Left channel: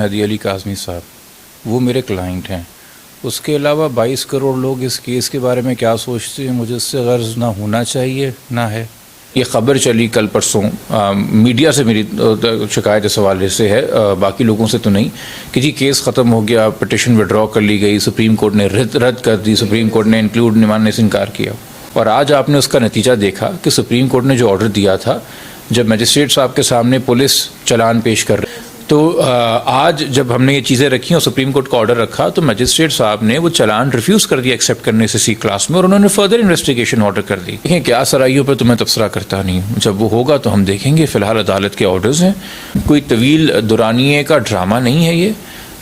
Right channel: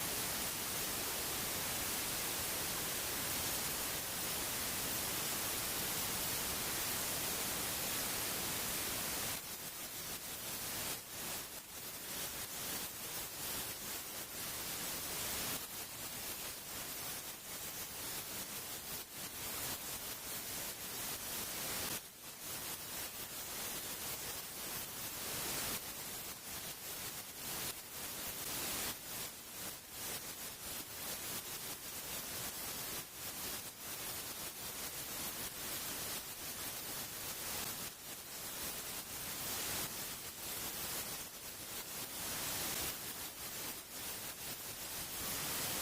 मेहदी अली काज़मी साहब, वो मेरे क्लाइंट हैं। उसके अलावा 22 करोड़ लोग इस केस के बारे में क्या सोचते हैं, मुझे इससे गर्ज ना होना चाहिए ना है। ये ख़बर चली कल परसों, मीडिया से मेरी शिकायत इस हवाले से है, बाकी लोगों से तो नहीं, कि जी केस ख़त्म हो गया, पिटिशन विड्रॉ कर ली गई, सुप्रीम कोर्ट ने रद्द कर दी, सुप्रीम कोर्ट ने इंक्लूड मानने से इनकार किया। और आज आपने उसका नतीजा देखा कि सुप्रीम कोर्ट ने जो ऑर्डर दिया था, जब मजिस्ट्रेट साहब के सामने पुलिस चलान पेश कर रही, तो आज जब हमने ये चीज़ें रखी और सुप्रीम कोर्ट का ऑर्डर रखा, तो मजिस्ट्रेट साहब ने वो चलान रिफ्यूज़ कर दिया एक्सेप्ट करने से सी क्लास में, और उन्होंने फर्दर इन्वेस्टिगेशन ऑर्डर कर दी। देखें, क्या सराइयों पर तो मैं तबसरा करता नहीं, जब वो होगा तो हम देखेंगे। फ़िलहाल अदालत के ऑर्डर्स हैं, कोई तवील दुरानिए का ड्रामा नहीं है ये,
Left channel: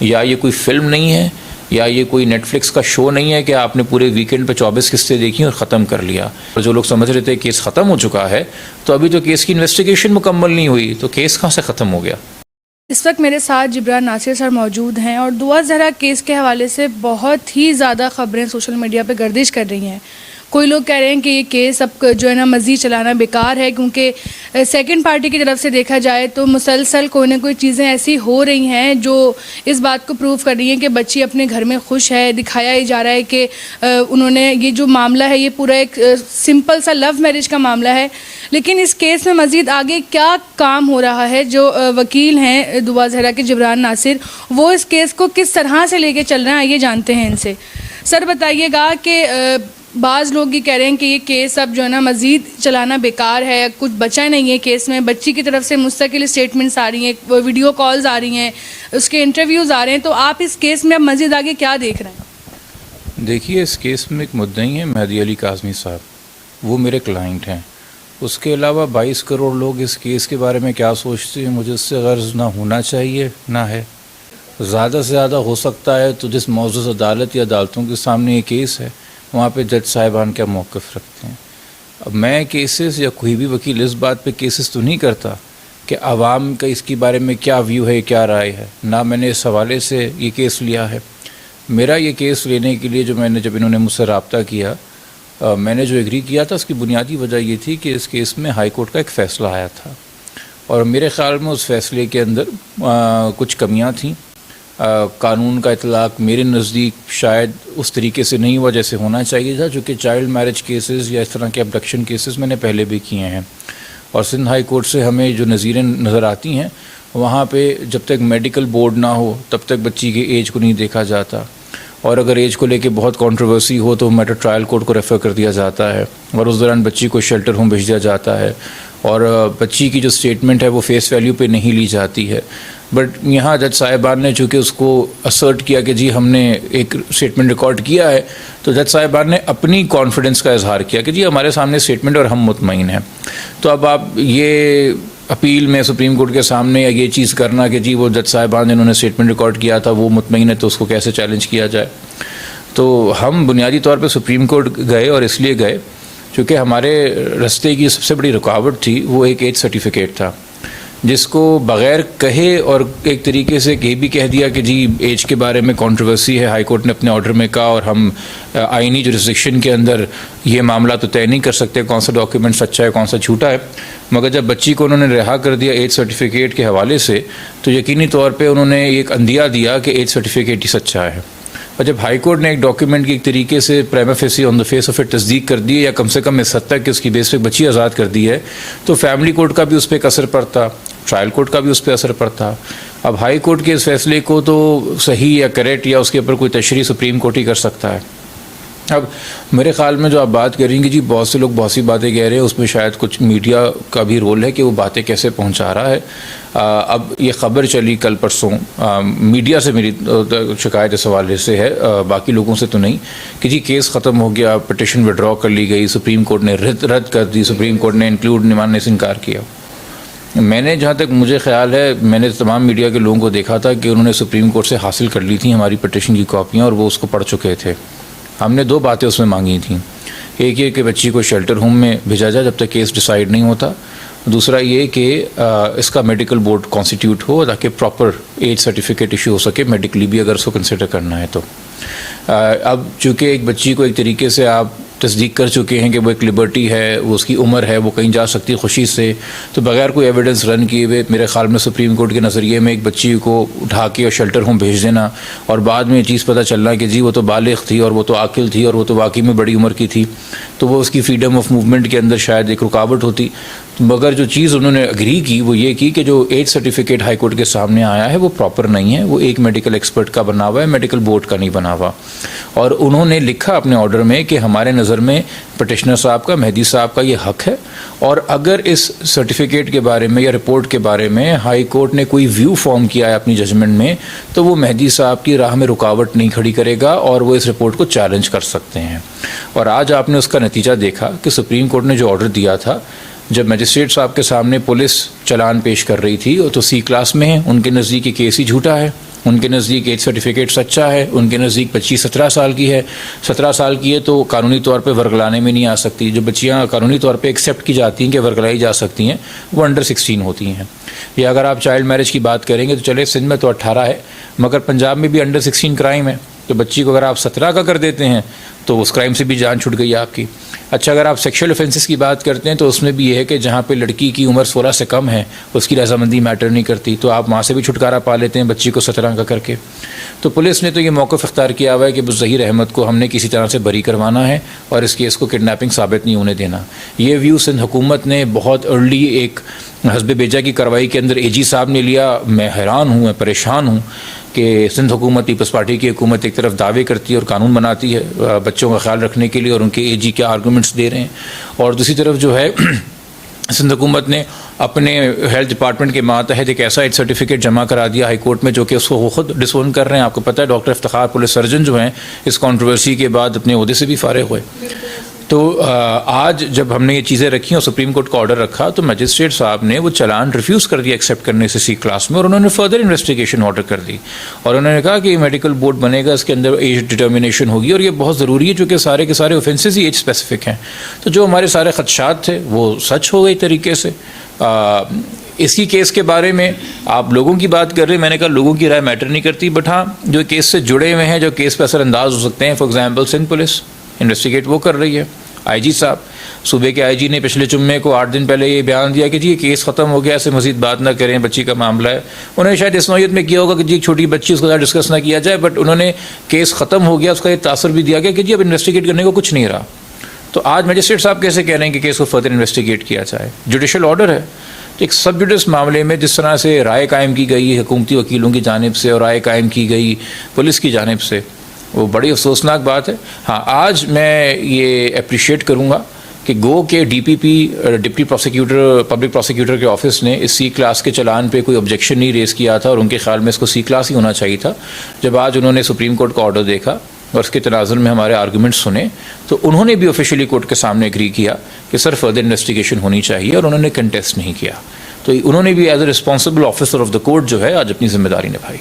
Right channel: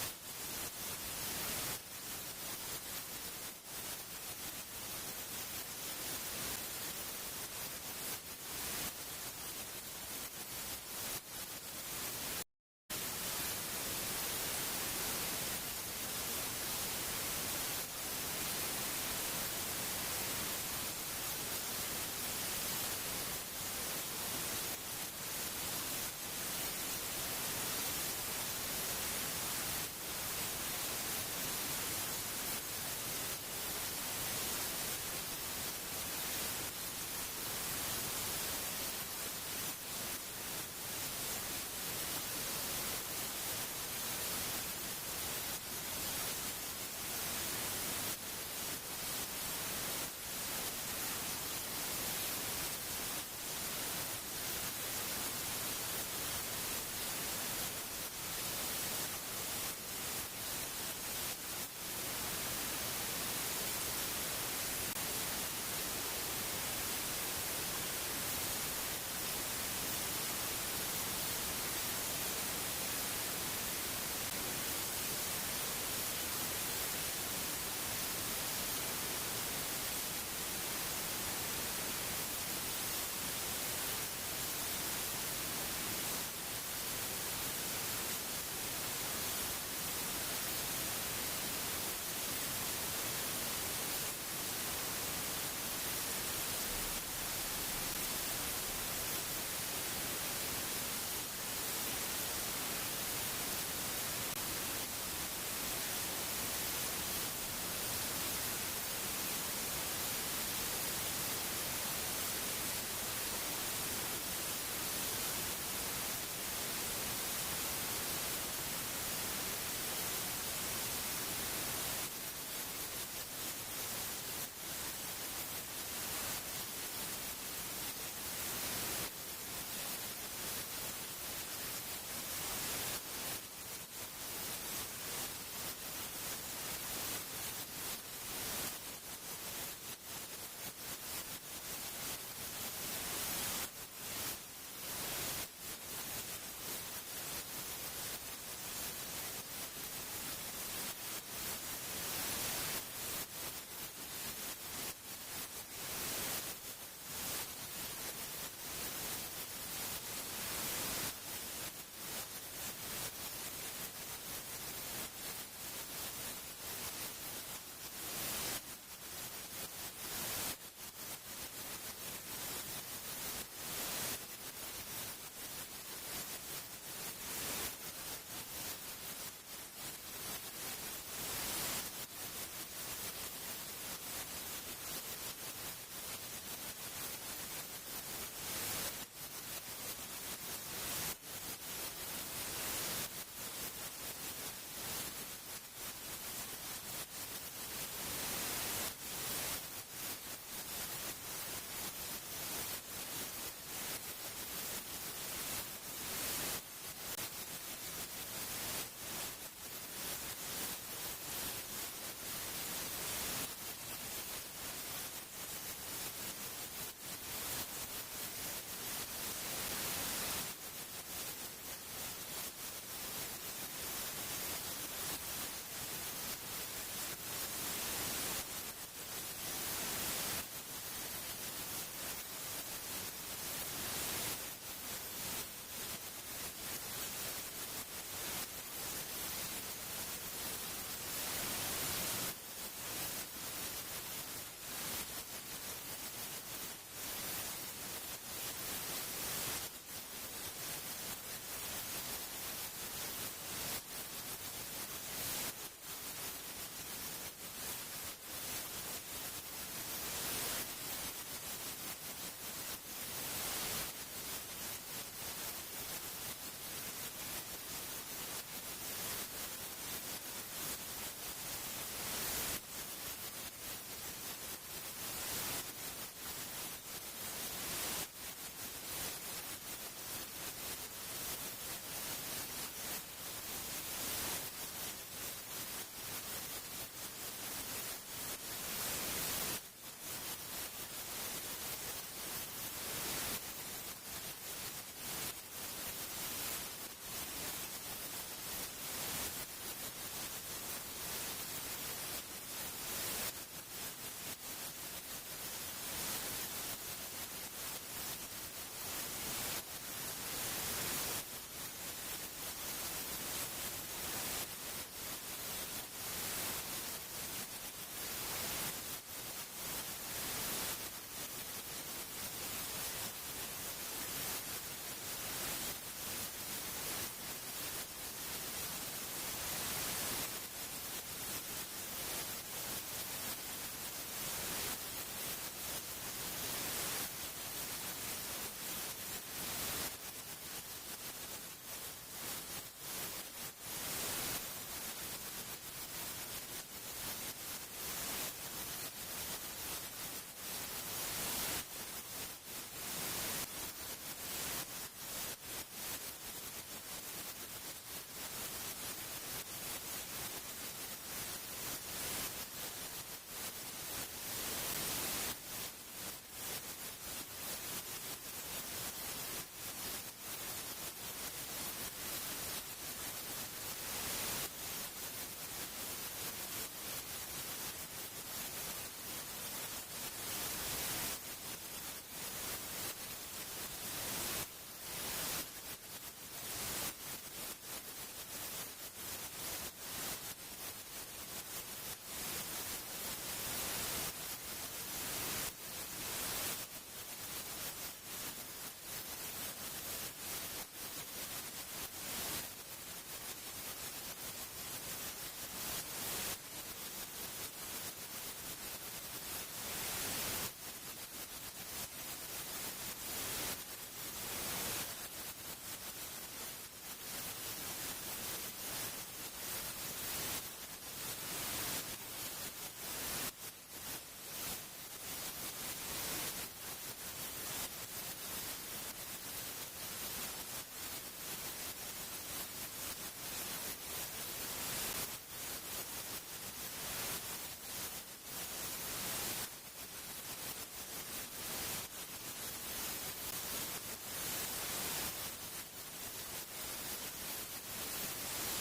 या ये कोई फिल्म नहीं है, या ये कोई नेटफ्लिक्स का शो नहीं है कि आपने पूरे वीकेंड पे 24 किस्तें देखी और ख़त्म कर लिया। और जो लोग समझ रहे थे केस ख़त्म हो चुका है, तो अभी तो केस की इन्वेस्टिगेशन मुकम्मल नहीं हुई, तो केस कहाँ से ख़त्म हो गया। इस वक्त मेरे साथ जिब्रान नासिर सर मौजूद हैं और दुआ ज़हरा केस के हवाले से बहुत ही ज़्यादा ख़बरें सोशल मीडिया पे गर्दिश कर रही हैं। कोई लोग कह रहे हैं कि ये केस अब जो है ना मज़ीद चलाना बेकार है, क्योंकि सेकंड पार्टी की तरफ से देखा जाए तो मुसलसल कोई ना कोई चीज़ें ऐसी हो रही हैं जो इस बात को प्रूव कर रही हैं कि बच्ची अपने घर में खुश है। दिखाया ही जा रहा है कि उन्होंने ये जो मामला है, ये पूरा एक सिंपल सा लव मैरिज का मामला है। लेकिन इस केस में मज़ीद आगे क्या काम हो रहा है, जो वकील हैं दुआ ज़हरा के जिब्रान नासिर, वो इस केस को किस तरह से लेके चल रहे हैं, आइए जानते हैं इनसे। सर बताइएगा कि बाज़ लोग ये कह रहे हैं कि ये केस अब जो है ना मज़ीद चलाना बेकार है, कुछ बचा नहीं है केस में। बच्ची की तरफ से मुस्तकिल स्टेटमेंट्स आ रही हैं, वीडियो कॉल्स आ रही हैं, उसके इंटरव्यूज़ आ रहे हैं, तो आप इस केस में अब मज़ीद आगे क्या देख रहे हैं? देखिए, इस केस में एक मुद्दई है मेहदी अली काज़मी साहब, वो मेरे क्लाइंट हैं। उसके अलावा 22 करोड़ लोग इस केस के बारे में क्या सोचते हैं, मुझे इससे गर्ज ना होना चाहिए ना है। ज़्यादा से ज़्यादा हो सकता है तो जिस मौजूद अदालत या अदालतों के सामने ये केस है, वहाँ पे जज साहिबान क्या मौक़िफ़ रखते हैं। अब मैं केसेस या कोई भी वकील इस बात पे केसेस तो नहीं करता कि आवाम का इसके बारे में क्या व्यू है, क्या राय है, ना मैंने इस हवाले से ये केस लिया है। मेरा ये केस लेने के लिए जब इन्होंने मुझसे रब्ता किया, मैंने जो एग्री किया था, उसकी बुनियादी वजह ये थी कि इस केस में हाई कोर्ट का एक फ़ैसला आया था, और मेरे ख़्याल में उस फ़ैसले के अंदर कुछ कमियां थीं। कानून का इतलाक़ मेरे नज़दीक शायद उस तरीके से नहीं हुआ जैसे होना चाहिए था, चूँकि चाइल्ड मैरिज केसेस या इस तरह के अबडक्शन केसेस मैंने पहले भी किए हैं, और सिंध हाई कोर्ट से हमें जो नज़ीरें नज़र आती हैं, वहाँ पे जब तक मेडिकल बोर्ड ना हो तब तक बच्ची की एज को नहीं देखा जाता, और अगर एज को लेके बहुत कंट्रोवर्सी हो तो मैटर ट्रायल कोर्ट को रेफ़र कर दिया जाता है, और उस दौरान बच्ची को शेल्टर होम भेज दिया जाता है, और बच्ची की जो स्टेटमेंट है वो फेस वैल्यू पे नहीं ली जाती है। बट यहाँ जज साहिबान ने चूँकि उसको असर्ट किया कि जी हमने एक स्टेटमेंट रिकॉर्ड किया है, तो जज साहिबान ने अपनी कॉन्फिडेंस का इजहार किया कि जी हमारे सामने स्टेटमेंट और हम मुतमईन हैं। तो अब आप ये अपील में सुप्रीम कोर्ट के सामने ये चीज़ करना कि जी वो जज साहिबान ने उन्होंने स्टेटमेंट रिकॉर्ड किया था, वो मुतमईन है, तो उसको कैसे चैलेंज किया जाए। तो हम बुनियादी तौर पे सुप्रीम कोर्ट गए, और इसलिए गए क्योंकि हमारे रास्ते की सबसे बड़ी रुकावट थी वो एक एज सर्टिफिकेट था, जिसको बग़ैर कहे और एक तरीके से ये भी कह दिया कि जी एज के बारे में कंट्रोवर्सी है, हाई कोर्ट ने अपने ऑर्डर में कहा, और हम आइनी जुरिस्डिक्शन के अंदर ये मामला तो तय नहीं कर सकते कौन सा डॉक्यूमेंट सच्चा है कौन सा झूठा है। मगर जब बच्ची को उन्होंने रिहा कर दिया एज सर्टिफिकेट के हवाले से, तो यकीनी तौर पे उन्होंने एक अंदिया दिया कि एज सर्टिफिकेट ही सच्चा है। और जब हाई कोर्ट ने एक डॉक्यूमेंट की एक तरीके से prima facie on the face of it तस्दीक कर दी है, या कम से कम इस हद तक कि उसकी बेस पे बच्ची आज़ाद कर दी है, तो फैमिली कोर्ट का भी उस पर एक असर पड़ता, ट्रायल कोर्ट का भी उस पर असर पड़ता। अब हाई कोर्ट के इस फैसले को तो सही या करेक्ट या उसके ऊपर कोई तशरीह सुप्रीम कोर्ट ही कर सकता है। अब मेरे ख़्याल में जो आप बात करेंगे, जी बहुत से लोग बहुत सी बातें कह रहे हैं, उसमें शायद कुछ मीडिया का भी रोल है कि वो बातें कैसे पहुंचा रहा है। अब ये ख़बर चली कल परसों, मीडिया से मेरी शिकायत इस हवाले से है, बाकी लोगों से तो नहीं, कि जी केस ख़त्म हो गया, पिटिशन विड्रॉ कर ली गई, सुप्रीम कोर्ट ने रद्द कर दी, सुप्रीम कोर्ट ने इंक्लूड मानने से इनकार किया। मैंने जहाँ तक मुझे ख्याल है, मैंने तमाम मीडिया के लोगों को देखा था कि उन्होंने सुप्रीम कोर्ट से हासिल कर ली थी हमारी पिटिशन की कॉपियाँ, और वो उसको पढ़ चुके थे। हमने दो बातें उसमें मांगी थी, एक ये कि बच्ची को शेल्टर होम में भेजा जाए जब तक केस डिसाइड नहीं होता, दूसरा ये कि इसका मेडिकल बोर्ड कॉन्स्टिट्यूट हो ताकि प्रॉपर एज सर्टिफिकेट इशू हो सके मेडिकली भी, अगर उसको कंसिडर करना है तो। अब चूँकि एक बच्ची को एक तरीके से आप तस्दीक कर चुके हैं कि वो एक लिबर्टी है, वो उसकी उम्र है, वो कहीं जा सकती है खुशी से, तो बगैर कोई एविडेंस रन किए हुए मेरे ख्याल में सुप्रीम कोर्ट के नज़रिए में एक बच्ची को उठा के और शेल्टर होम भेज देना और बाद में ये चीज़ पता चलना कि जी वो तो बालिग थी और वो तो आकिल थी और वो तो वाकई में बड़ी उम्र की थी, तो वो उसकी फ्रीडम ऑफ मूवमेंट के अंदर शायद एक रुकावट होती। मगर जो चीज़ उन्होंने अग्री की वो ये की कि जो एज सर्टिफिकेट हाई कोर्ट के सामने आया है वो प्रॉपर नहीं है, वो एक मेडिकल एक्सपर्ट का बना हुआ है, मेडिकल बोर्ड का नहीं बना हुआ। और उन्होंने लिखा अपने ऑर्डर में कि हमारे नज़र में पटिशनर साहब का, मेहदी साहब का ये हक है, और अगर इस सर्टिफिकेट के बारे में या रिपोर्ट के बारे में हाई कोर्ट ने कोई व्यू फॉर्म किया है अपनी जजमेंट में, तो वो मेहदी साहब की राह में रुकावट नहीं खड़ी करेगा और वो इस रिपोर्ट को चैलेंज कर सकते हैं। और आज आपने उसका नतीजा देखा कि सुप्रीम कोर्ट ने जो ऑर्डर दिया था, जब मजिस्ट्रेट साहब के सामने पुलिस चलान पेश कर रही थी, वो तो सी क्लास में है, उनके नज़दीक ये केस ही झूठा है, उनके नज़दीक एज सर्टिफिकेट सच्चा है, उनके नज़दीक 25-17 साल की है, 17 साल की है तो कानूनी तौर पे वर्गलाने में नहीं आ सकती। जो बच्चियाँ कानूनी तौर पे एक्सेप्ट की जाती हैं कि वर्गलाई जा सकती हैं, वो अंडर 16 होती हैं। या अगर आप चाइल्ड मैरिज की बात करेंगे तो चले सिंध में तो 18 है, मगर पंजाब में भी अंडर 16 क्राइम है, तो बच्ची को अगर आप 17 का कर देते हैं तो उस क्राइम से भी जान छूट गई आपकी। अच्छा, अगर आप सेक्सुअल ऑफेंसेस की बात करते हैं तो उसमें भी ये है कि जहाँ पे लड़की की उम्र 16 से कम है उसकी रजामंदी मैटर नहीं करती, तो आप वहाँ से भी छुटकारा पा लेते हैं बच्ची को 17 का करके। तो पुलिस ने तो ये मौक़िफ़ इख्तियार किया हुआ है कि ज़हीर अहमद को हमने किसी तरह से बरी करवाना है और इस केस को किडनैपिंग साबित नहीं होने देना। ये व्यू सिंध हुकूमत ने बहुत अर्ली एक हस्ब बेजा की कार्रवाई के अंदर एजी साहब ने लिया। मैं हैरान हूँ, मैं परेशान हूँ कि सिंध हुकूमत, पीपल्स पार्टी की हुकूमत एक तरफ दावे करती है और कानून बनाती है बच्चों का ख्याल रखने के लिए और उनके एजी क्या आर्गूमेंट्स दे रहे हैं, और दूसरी तरफ जो है सिंध हुकूमत ने अपने हेल्थ डिपार्टमेंट के मातहत एक ऐसा एज सर्टिफिकेट जमा करा दिया हाई कोर्ट में जो कि उसको वो खुद डिसोन कर रहे हैं। आपको पता है डॉक्टर इफ्तिखार पुलिस सर्जन जो हैं इस कंट्रोवर्सी के बाद अपने ओहदे से भी फारिग हुए। तो आज जब हमने ये चीज़ें रखी और सुप्रीम कोर्ट का ऑर्डर रखा तो मजिस्ट्रेट साहब ने वो चालान रिफ्यूज़ कर दिया एक्सेप्ट करने से सी क्लास में, और उन्होंने फर्दर इन्वेस्टिगेशन ऑर्डर कर दी और उन्होंने कहा कि मेडिकल बोर्ड बनेगा, इसके अंदर एज डिटर्मिनेशन होगी और ये बहुत ज़रूरी है क्योंकि सारे के सारे ऑफेंसेस ही एज स्पेसिफिक हैं। तो जो हमारे सारे खदशात थे वो सच हो गए तरीके से। इसी केस के बारे में आप लोगों की बात कर रहे हैं, मैंने कहा लोगों की राय मैटर नहीं करती, बट हाँ जो केस से जुड़े हुए हैं, जो केस पर असरअंदाज हो सकते हैं, for example Sindh police investigate वो कर रही है। आईजी साहब, सूबे के आईजी ने पिछले जुम्मे को 8 दिन पहले ये बयान दिया कि जी ये केस ख़त्म हो गया, ऐसे मज़ीद बात ना करें, बच्ची का मामला है। उन्होंने शायद इस नौयत में किया होगा कि जी एक छोटी बच्ची उसके साथ डिस्कस ना किया जाए, बट उन्होंने केस ख़त्म हो गया उसका ये तासर भी दिया गया कि जी अब इन्वेस्टिगेट करने को कुछ नहीं रहा। तो आज मजिस्ट्रेट साहब कैसे कह रहे हैं कि केस को फर्दर इन्वेस्टिगेट किया जाए? जुडिशल ऑर्डर है। तो एक सब जुडिस मामले में जिस तरह से राय कायम की गई हुकूमती वकीलों की जानिब से और राय कायम की गई पुलिस की जानिब से, वो बड़ी अफसोसनाक बात है। हाँ, आज मैं ये अप्रिशिएट करूँगा कि गो के DPP deputy prosecutor public prosecutor के ऑफिस ने इस सी क्लास के चलान पे कोई ऑब्जेक्शन नहीं रेज़ किया था और उनके ख्याल में इसको सी क्लास ही होना चाहिए था। जब आज उन्होंने सुप्रीम कोर्ट का ऑर्डर देखा और उसके तनाजुर में हमारे आर्गूमेंट सुने तो उन्होंने भी ऑफिशियली कोर्ट के सामने एग्री किया कि सर फर्दर इन्वेस्टिगेशन होनी चाहिए, और उन्होंने कंटेस्ट नहीं किया। तो उन्होंने भी as a responsible officer of the court जो है आज अपनी जिम्मेदारी निभाई।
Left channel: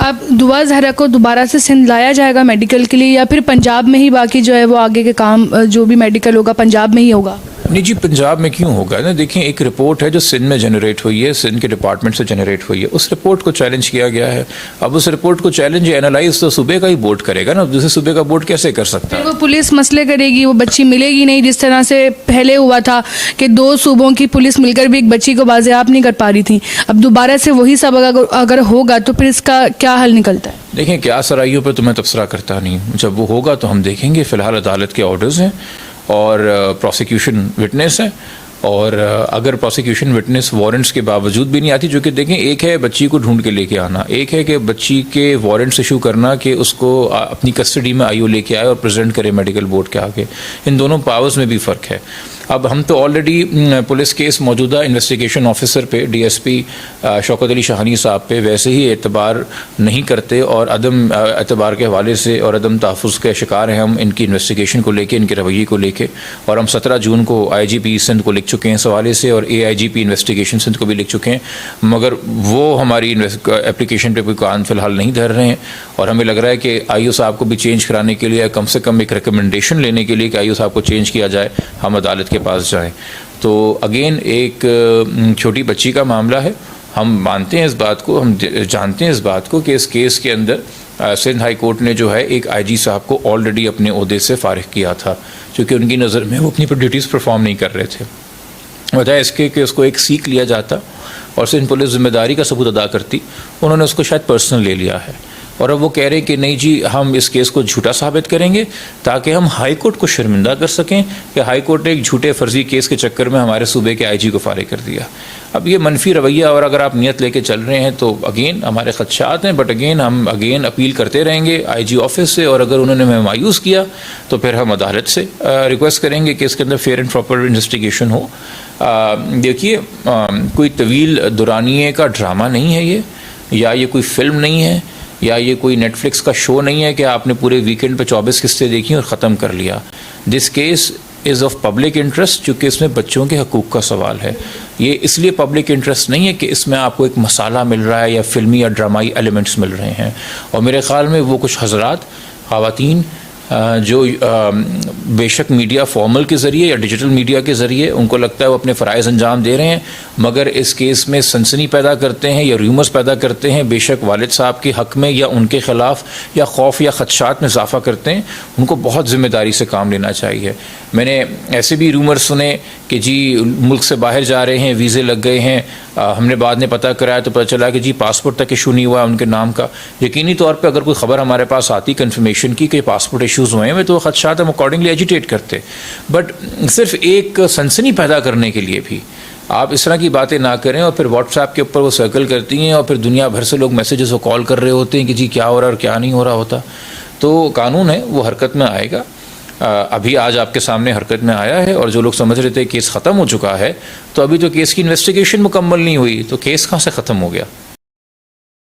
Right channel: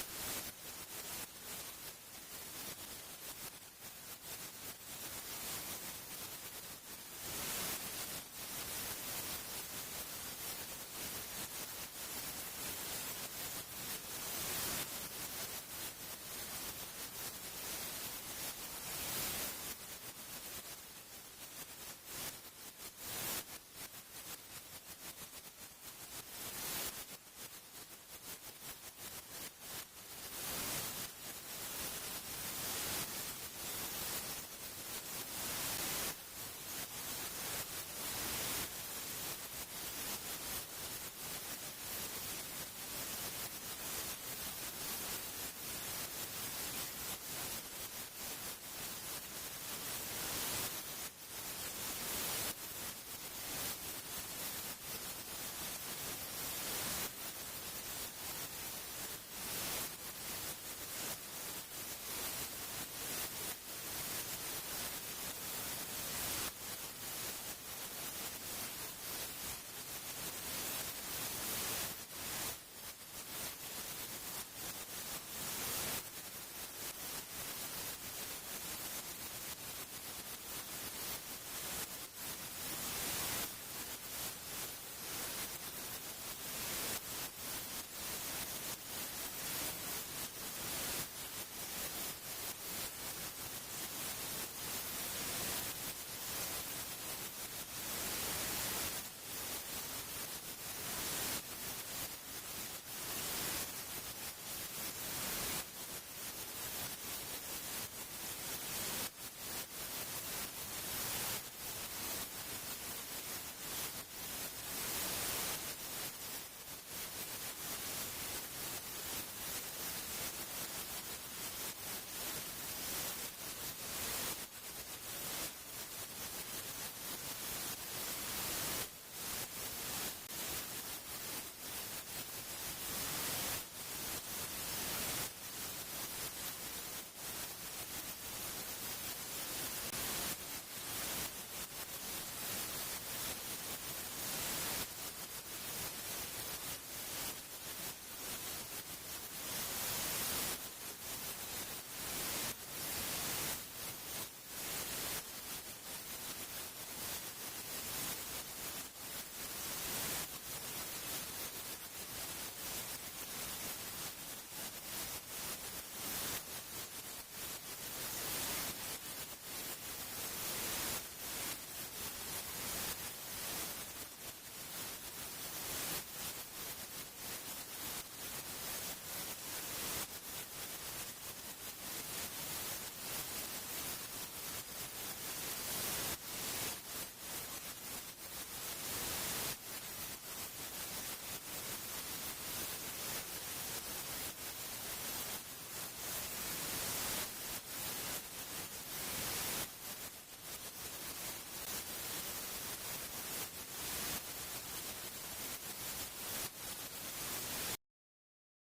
अब दुआ ज़हरा को दोबारा से सिंध लाया जाएगा मेडिकल के लिए, या फिर पंजाब में ही बाकी जो है वो आगे के काम जो भी मेडिकल होगा पंजाब में ही होगा? नहीं जी, पंजाब में क्यों होगा ना। देखिए, एक रिपोर्ट है जो सिंध में जनरेट हुई है, सिंध के डिपार्टमेंट से जनरेट हुई है, उस रिपोर्ट को चैलेंज किया गया है। अब उस रिपोर्ट को चैलेंज एनालाइज तो सूबे का ही बोर्ड करेगा ना, दूसरे सूबे का बोर्ड कैसे कर सकता है? वो पुलिस मसले करेगी, वो बच्ची मिलेगी नहीं, जिस तरह से पहले हुआ था कि 2 सूबों की पुलिस मिलकर भी एक बच्ची को बाज़ेआब नहीं कर पा रही थी। अब दोबारा से वही सब अगर होगा तो फिर इसका क्या हल निकलता है? देखें, क्या सराइयों पर तो मैं तबसरा करता नहीं, जब वो होगा तो हम देखेंगे। फ़िलहाल अदालत के ऑर्डर्स हैं और प्रोसिक्यूशन विटनेस है, और अगर प्रोसिक्यूशन विटनेस वारंट्स के बावजूद भी नहीं आती, जो कि देखें एक है बच्ची को ढूंढ के लेके आना, एक है कि बच्ची के वारंट्स इशू करना कि उसको अपनी कस्टडी में आईओ लेके आए और प्रेजेंट करे मेडिकल बोर्ड के आगे, इन दोनों पावर्स में भी फ़र्क है। अब हम तो ऑलरेडी पुलिस केस मौजूदा इन्वेस्टिगेशन ऑफिसर पे डीएसपी शौकत अली शाहानी साहब पे वैसे ही एतबार नहीं करते और अदम एतबार के हवाले से और अदम तहफ़्फ़ुज़ के शिकार हैं हम इनकी इन्वेस्टिगेशन को लेके, इनके रवैये को लेके। और हम 17 जून को आईजीपी सिंध को लिख चुके हैं इस हवाले से, और एआईजीपी इन्वेस्टिगेशन सिंध को भी लिख चुके हैं, मगर वो हमारी एप्लीकेशन पर कोई कान फ़िलहाल नहीं धर रहे हैं। और हमें लग रहा है कि आईओ साहब को भी चेंज कराने के लिए, कम से कम एक रिकमेंडेशन लेने के लिए कि आईओ साहब को चेंज किया जाए, हम अदालत के पास जाएं। तो अगेन एक छोटी बच्ची का मामला है हम मानते हैं इस बात को, हम जानते हैं इस बात को कि इस केस के अंदर सिंध हाई कोर्ट ने जो है एक आईजी साहब को ऑलरेडी अपने ओहदे से फारिग किया था, क्योंकि उनकी नज़र में वो अपनी ड्यूटीज़ परफॉर्म नहीं कर रहे थे। वजह इसके कि उसको एक सीख लिया जाता और सिंध पुलिस जिम्मेदारी का सबूत अदा करती, उन्होंने उसको शायद पर्सनल ले लिया है। और अब वो कह रहे हैं कि नहीं जी, हम इस केस को झूठा साबित करेंगे ताकि हम हाई कोर्ट को शर्मिंदा कर सकें कि हाई कोर्ट ने एक झूठे फर्जी केस के चक्कर में हमारे सूबे के आईजी को फारिग कर दिया। अब ये मनफी रवैया, और अगर आप नियत लेके चल रहे हैं तो अगेन हमारे खदशात हैं, बट हम अपील करते रहेंगे आईजी ऑफिस से, और अगर उन्होंने हमें मायूस किया तो फिर हम अदालत से रिक्वेस्ट करेंगे कि इसके अंदर फेयर एंड प्रॉपर इन्वेस्टिगेशन हो। देखिए, कोई तवील दुरानिए का ड्रामा नहीं है ये, या ये कोई फिल्म नहीं है, या ये कोई नेटफ्लिक्स का शो नहीं है कि आपने पूरे वीकेंड पे 24 किस्तें देखी और ख़त्म कर लिया। This case is of public interest, चूँकि इसमें बच्चों के हकूक़ का सवाल है। ये इसलिए पब्लिक इंटरेस्ट नहीं है कि इसमें आपको एक मसाला मिल रहा है या फिल्मी या ड्रामाई एलिमेंट्स मिल रहे हैं। और मेरे ख़्याल में वो कुछ हज़रात, ख़वातीन जो बेशक मीडिया फॉर्मल के ज़रिए या डिजिटल मीडिया के ज़रिए उनको लगता है वो अपने फ़राइज़ अंजाम दे रहे हैं, मगर इस केस में सनसनी पैदा करते हैं या रूमर्स पैदा करते हैं, बेशक वालिद साहब के हक़ में या उनके ख़िलाफ़ या खौफ या ख़दशात में इजाफ़ा करते हैं। उनको बहुत ज़िम्मेदारी से काम लेना चाहिए। मैंने ऐसे भी रूमर सुने कि जी मुल्क से बाहर जा रहे हैं, वीज़े लग गए हैं, हमने बाद में पता कराया तो पता चला कि जी पासपोर्ट तक इशू नहीं हुआ उनके नाम का। यकीनी तौर पे अगर कोई ख़बर हमारे पास आती कन्फर्मेशन की कि पासपोर्ट इशूज़ हुए हैं तो ख़दशात हम अकॉर्डिंगली एजिटेट करते। बट सिर्फ एक सनसनी पैदा करने के लिए भी आप इस तरह की बातें ना करें, और फिर व्हाट्सएप के ऊपर वो सर्कल करती हैं और फिर दुनिया भर से लोग मैसेजेस और कॉल कर रहे होते हैं कि जी क्या हो रहा है और क्या नहीं हो रहा होता। तो कानून है वो हरकत में आएगा। अभी आज आपके सामने हरकत में आया है, और जो लोग समझ रहे थे केस ख़त्म हो चुका है, तो अभी तो केस की इन्वेस्टिगेशन मुकम्मल नहीं हुई, तो केस कहाँ से ख़त्म हो गया।